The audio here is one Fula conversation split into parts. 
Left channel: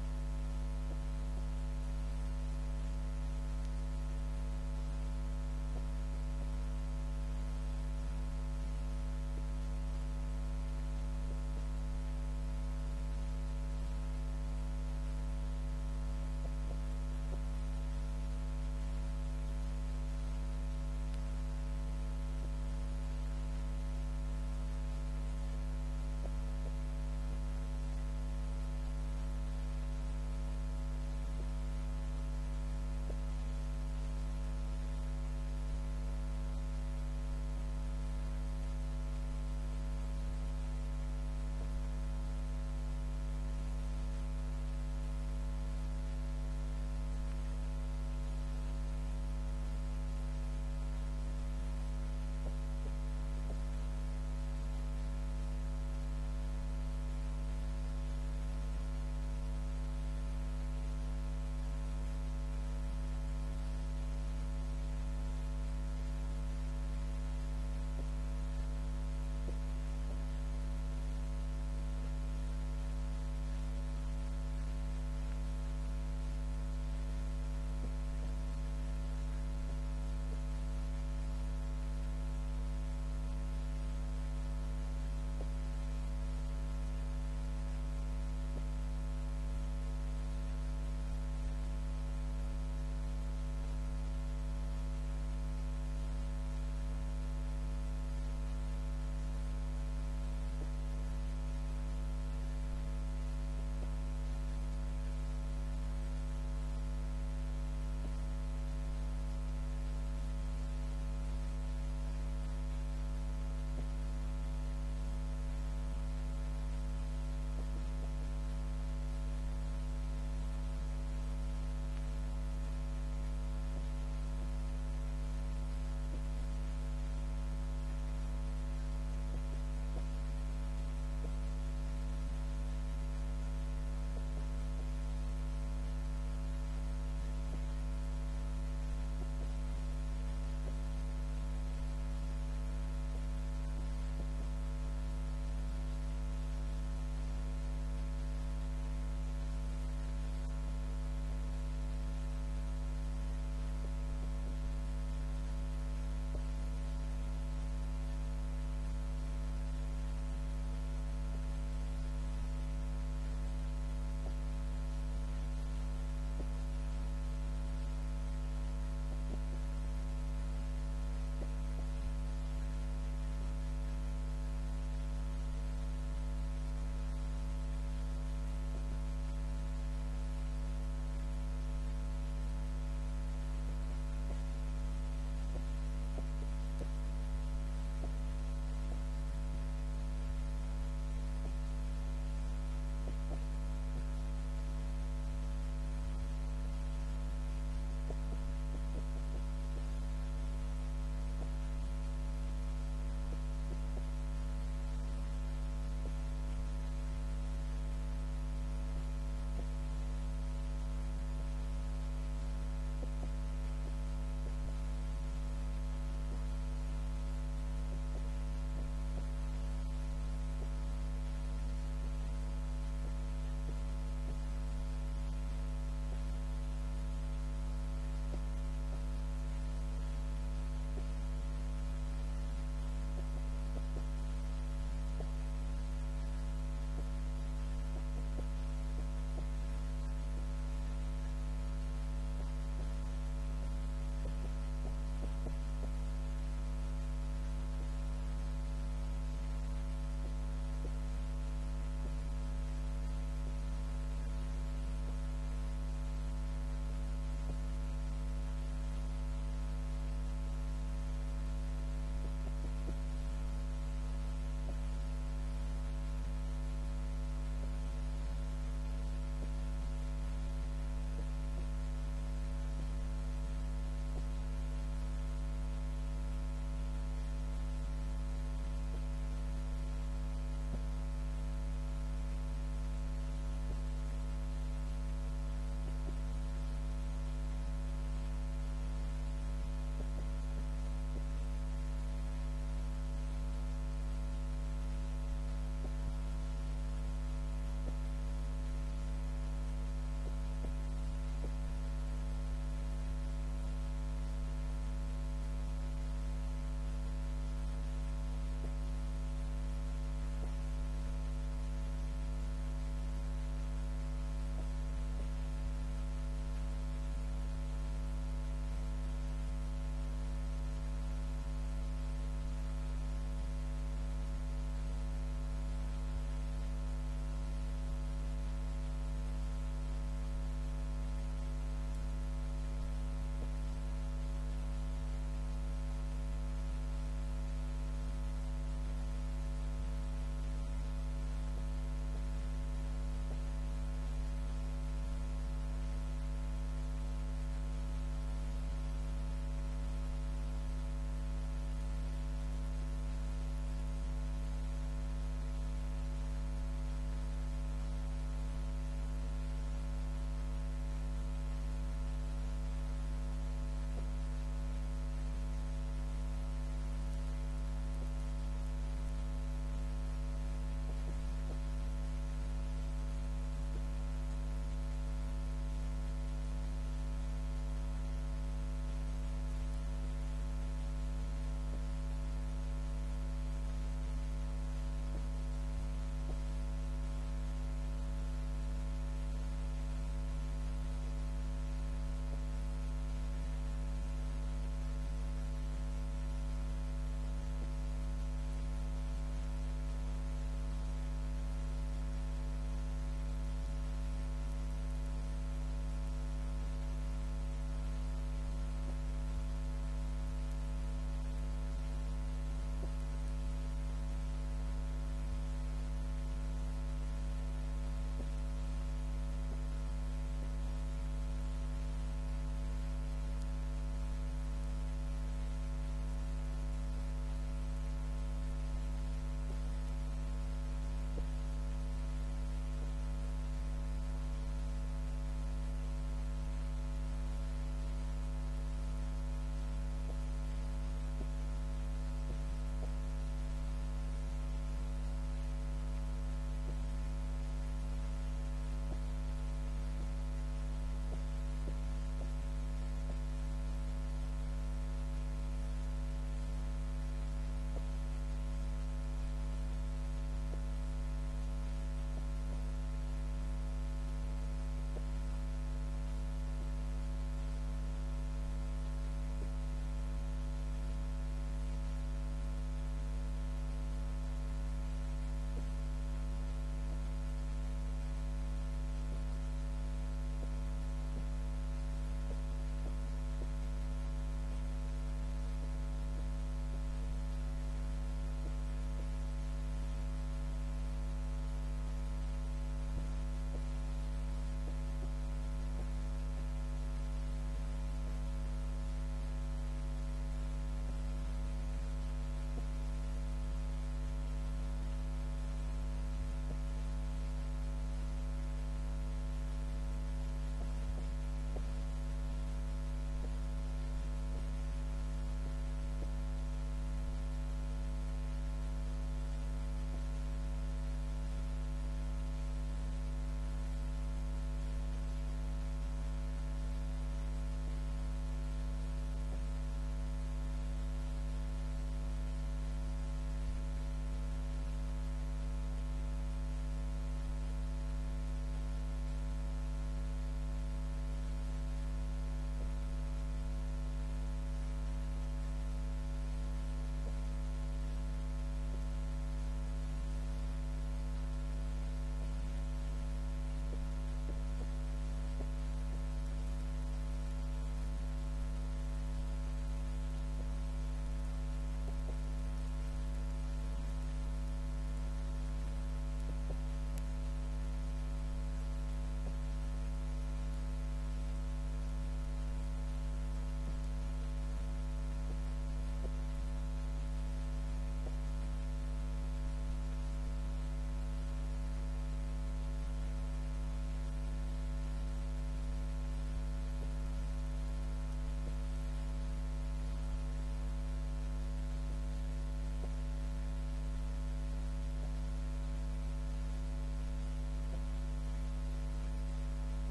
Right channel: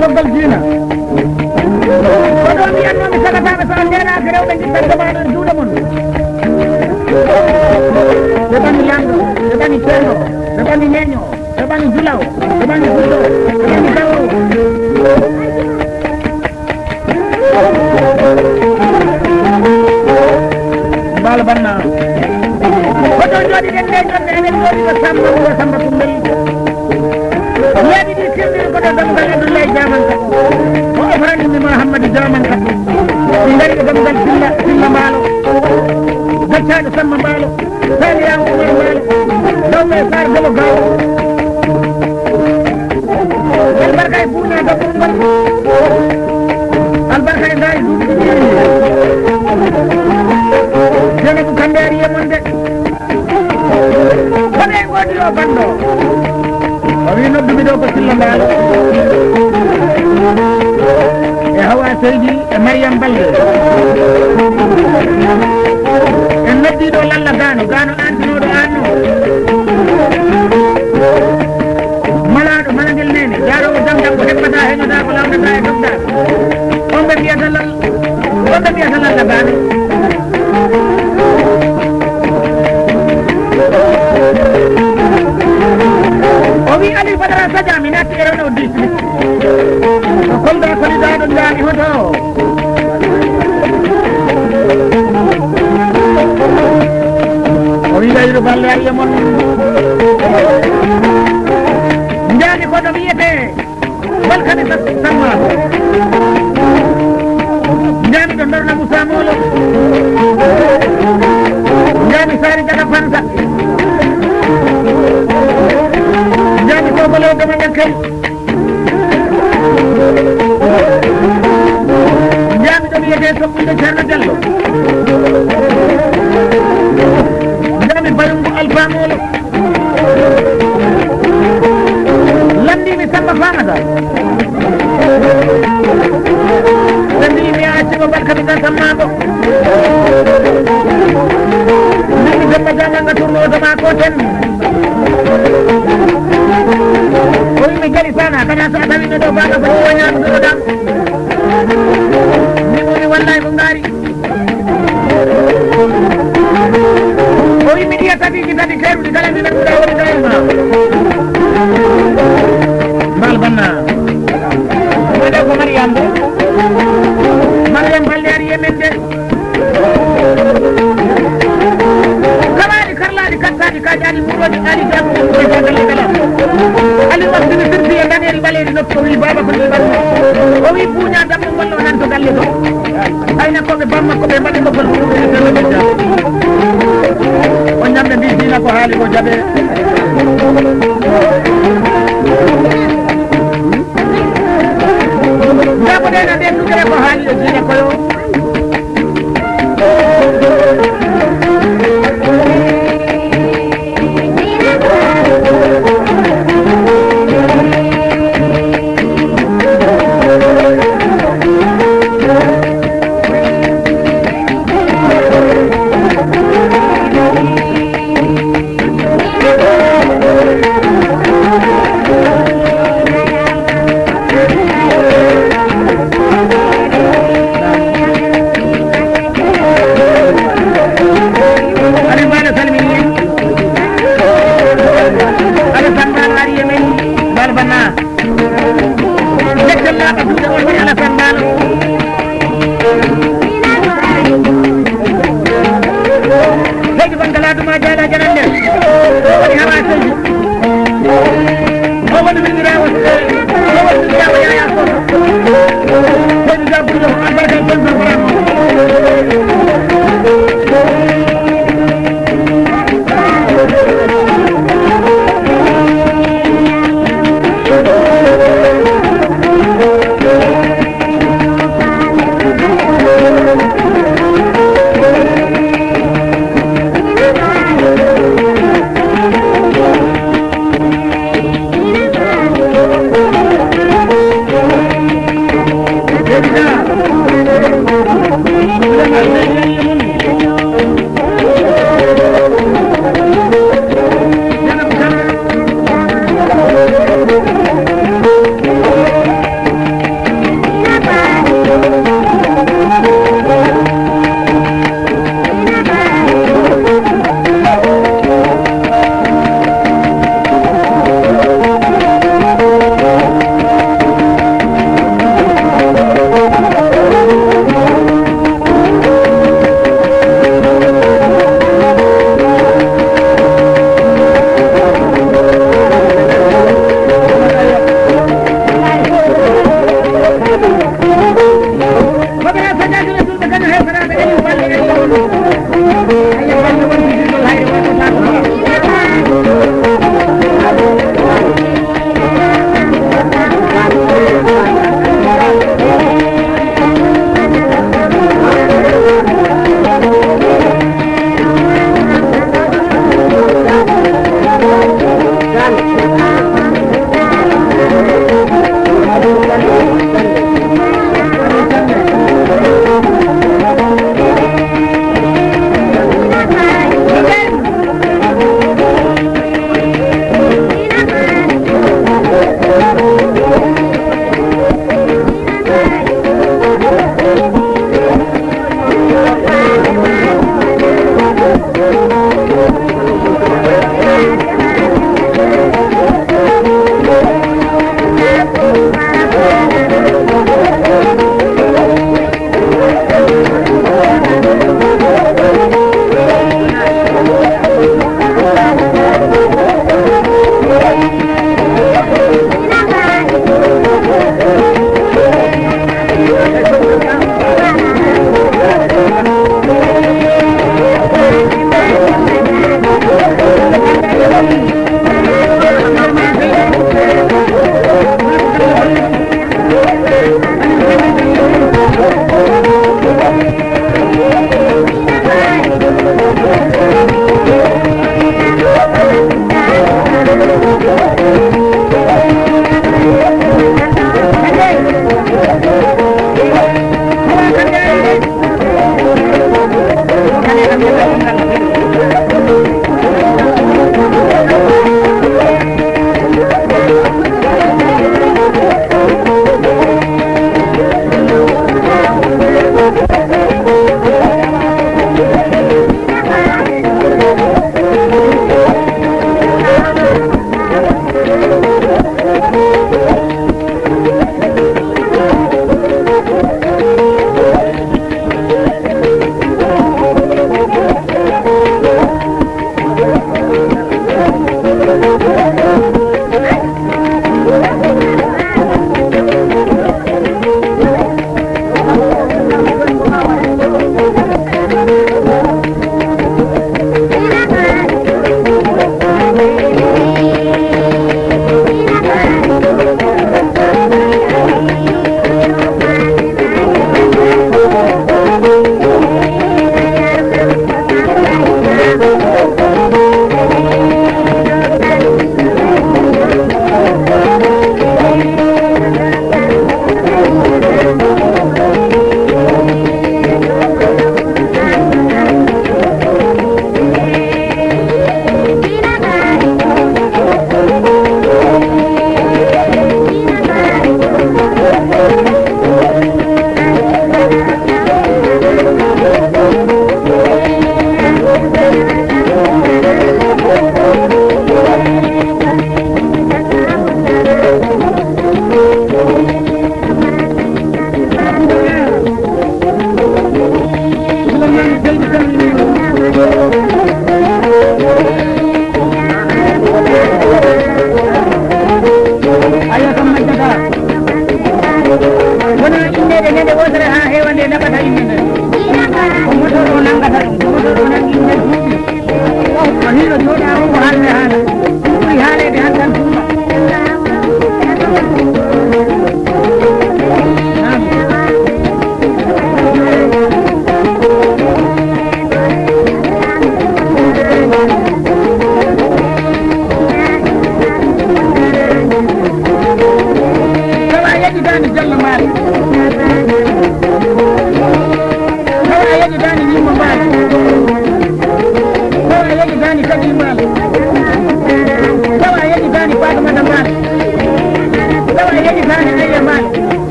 toggal diina ko ɗo mbiyannomi sagataɓe so ndenaka rewɓe jiɗɗan jamaɗo e juuɗe mon ɓe ɓani lamɗo ɓe ɓani ceerno ɓe ɓani neño ɓe ɓani julaw ɓe ɓani fulɗo ɓe ɓani gawro mbalo banna koto jooɗiɗen nde jonde eɗen jooɗiɗo samba ko samba kumbel leeɗi ɗi kirɗiri koto damgal abdoulaye diamanka o ofranimi mouhamadou diamanka ɗi ngari ɗo damgal silla mbaalo gaccaɗo samba mbaalo saliyama umar mbaalo dawɓe sar golo gawo albarka e buuña gaɓɓum ngon albarka e ngaari duuɓi jenabu kamɓe ari yemon de kono e goodi o banɗo o wi noddumi ɗo ko silla mbaalo e hawa seydi e mariam balde en noddiɗo lalla gano antinoɗo anno malaɗo malagel nene jarowo jam jam ko heɓɓata heñoda ko lawdata e dogdar on ɓe mbiyata lalla gano o wi ali badara sadia mi natti e rewno district ko kolda solidaɗo jaami hoto o wi gayru balle ariya mon jaami koɗo wiyete balkane sammako jaami ɗo dorna moussa molo jaami sari jaga fanta jaami kobolo gama ñakkay jaami ɗo wiyete soɓɓude ceerno diallo jaami bayungu alfamolo landimi samba famata ɓe mbi mi accimo barkamita sammako mbimi demba jamanga tournootoma ko ten o wimi jali sana kana so a tawino ɗo baga ko woñanuɗo dam mimoni wallay ko ngaari o wi mi ɗiya tatiji tati keruɗi kala mi nanduɗa woni dayma mbal banna oɗo ko mariam de mariam balle ari yemen de kawaɗi karlaɗi kattaɗi kaƴaɗi muɗoɗi ali jamu galle kala ali wasdini sirfi e daneri ɓaleɗi nokku o wi baba ko ɗi ɓanno o wi buuña dammu gollo nan to galle to hayna koɓe bamma koɓe mbaɗi gogol muɗuɗeɗeɗa o ñamde mbi dina ko haali ko jaɓe jaɓoɗena nden ɗugere ko haali e dina koyo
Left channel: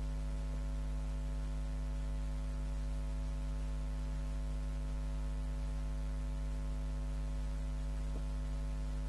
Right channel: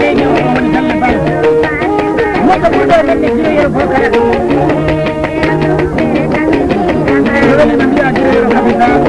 leydi o woni Salla Bal moto ɓurɗo men ne jiroyero fof kala weli no mbiya jiroyero capital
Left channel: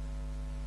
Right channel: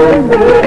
Thank you.